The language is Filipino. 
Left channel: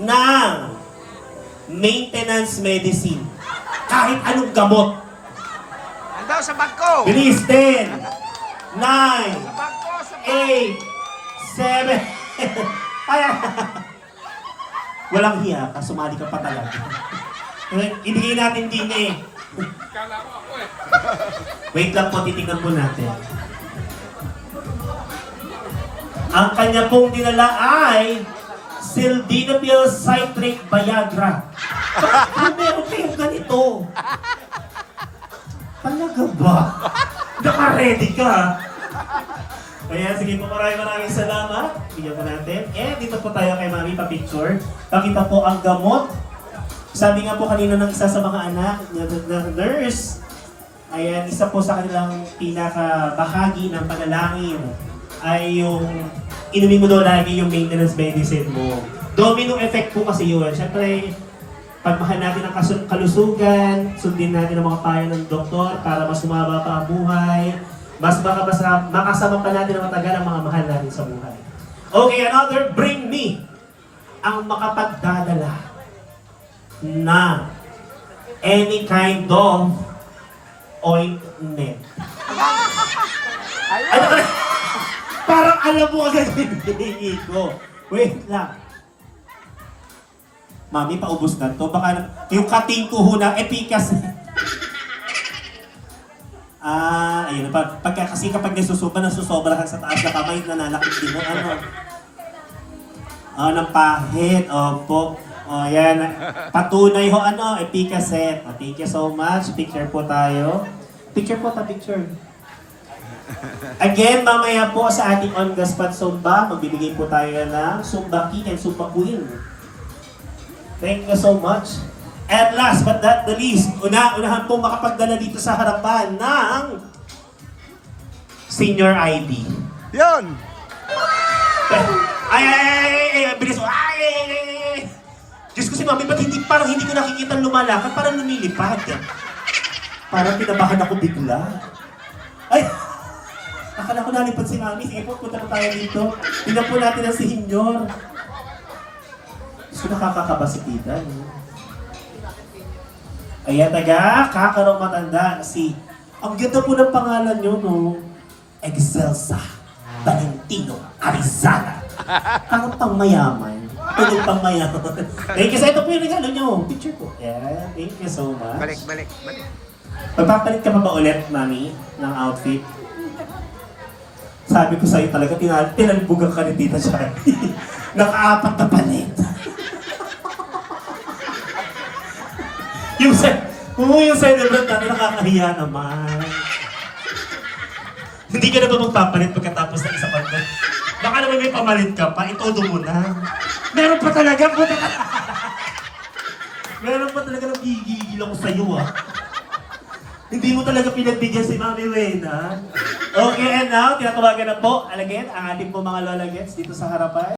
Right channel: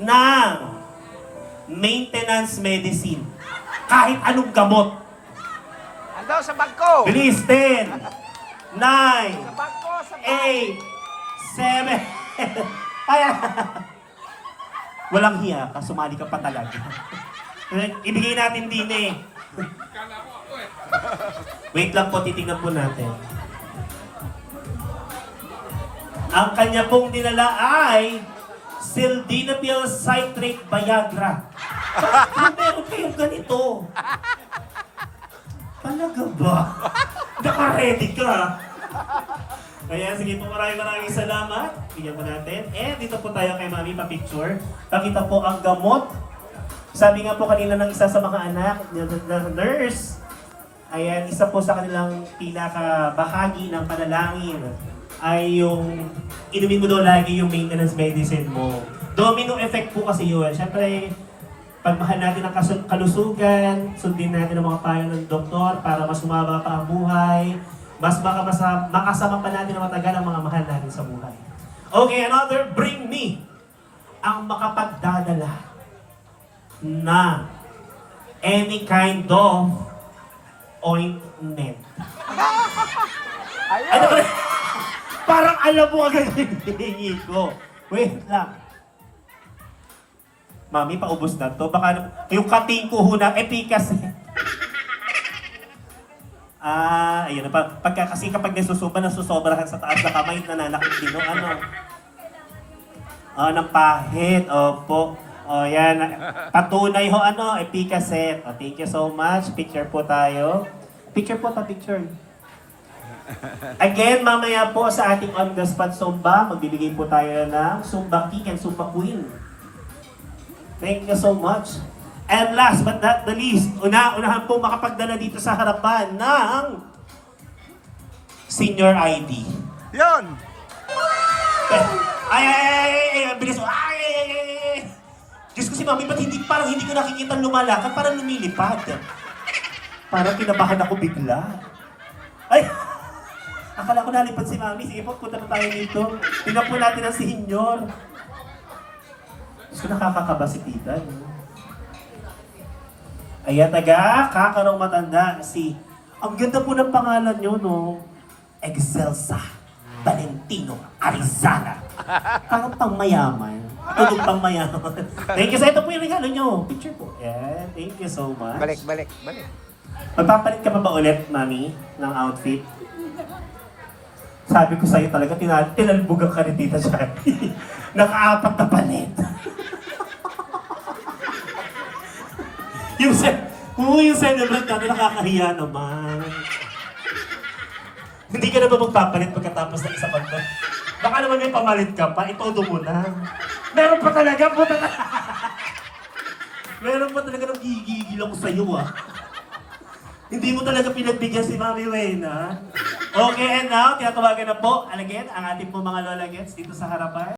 ng maintenance medicine. Kahit anong gamot. Ando sa bangko. Bilis, 10, 9, Sa bangko, sa bangko. 8, 7. Ay, walang hiya, sumali ka pa talaga. Ibigay natin din eh. Wait lang po, titignan po natin. Ang kanya pong dinala ay Sildenafil Citrate Viagra. Bakit meron kayong ganito? Talaga ba? Naka-ready ka? Kaya sige po, maraming salamat. Bigyan po natin. Dito po tayo kay Mami, pa-picture. Pakita po ang gamot. Sabi nga po kanina ng isa sa mga anak, ng nurse, ayan, isa po sa kanilang pinaka-bahagi ng panalangin ay yung inumin mo daw lagi yung maintenance medicine mo. Domino effect po kasi yun. Siyempre, pagmahal natin ang kalusugan, sundin natin ang mga payo ng doktor para mas humaba pa ang buhay, mas makasama pa natin ang matagal ang mga mahal natin sa buhay. Okay, another, bring me ang makapagdadala na any kind of ointment. Ano ka? Parang alam mo agad yung hinihingi ko. Wait lang. Mami, paubos na to. Baka yung kating kuho ng epikas. Ayun na pa. Kasi kapag nasusobra ka sa taas na kamay, nananakit din mo. Ng pahit. Opo. Yan. Patunay ho, Epicaset. Thank you so much. Picture po tayo. Picture po ta, picture. Again, mamaya po sa ating on-the-spot Zumba, magbibigay po tayo ng Zumba King and Zumba Queen. Thank you so much. And last but not the least, unahan po makapagdala dito sa harapan ng senior ID. Yun! Ay, bilis mo. Ay! Diyos ko si Mami, ba't parang hindi ko nakikita lumalakad, parang lumilipad. Parang pinabahan ako bigla. Ay! Akala ko nalipad si Mami. Sige po, punta na tayo dito. Tingnan po natin ang senior. Gusto nakakakaba si tita, no? Ayan, kakaraw matanda si... Ang ganda po ng pangalan nyo, no? Excelsa Valentino Arizala. Parang pangmayaman. Pwedeng pangmayaman. Thank you. So, ito po yung regalo nyo. Picture po. Yeah, thank you so much. Balik. Magpapalit ka pa ba ulit, Mami, ng outfit? Sabi ko sa'yo talaga, tinalbugan ka ni Tita Shani. Naka-apat na palit. yung celebrant natin, nakakahiya naman. Hindi ka na ba magpapalit pagkatapos ng isa pa? Baka naman may pamalit ka pa, itodo mo na. Meron pa talaga, meron pa talaga nagigigil ako sa'yo, Hindi mo talaga pinagbigyan si Mami Wayne, ha? Okay, and now, tinatawagan na po, again, ang ating po mga lola gets dito sa harapan.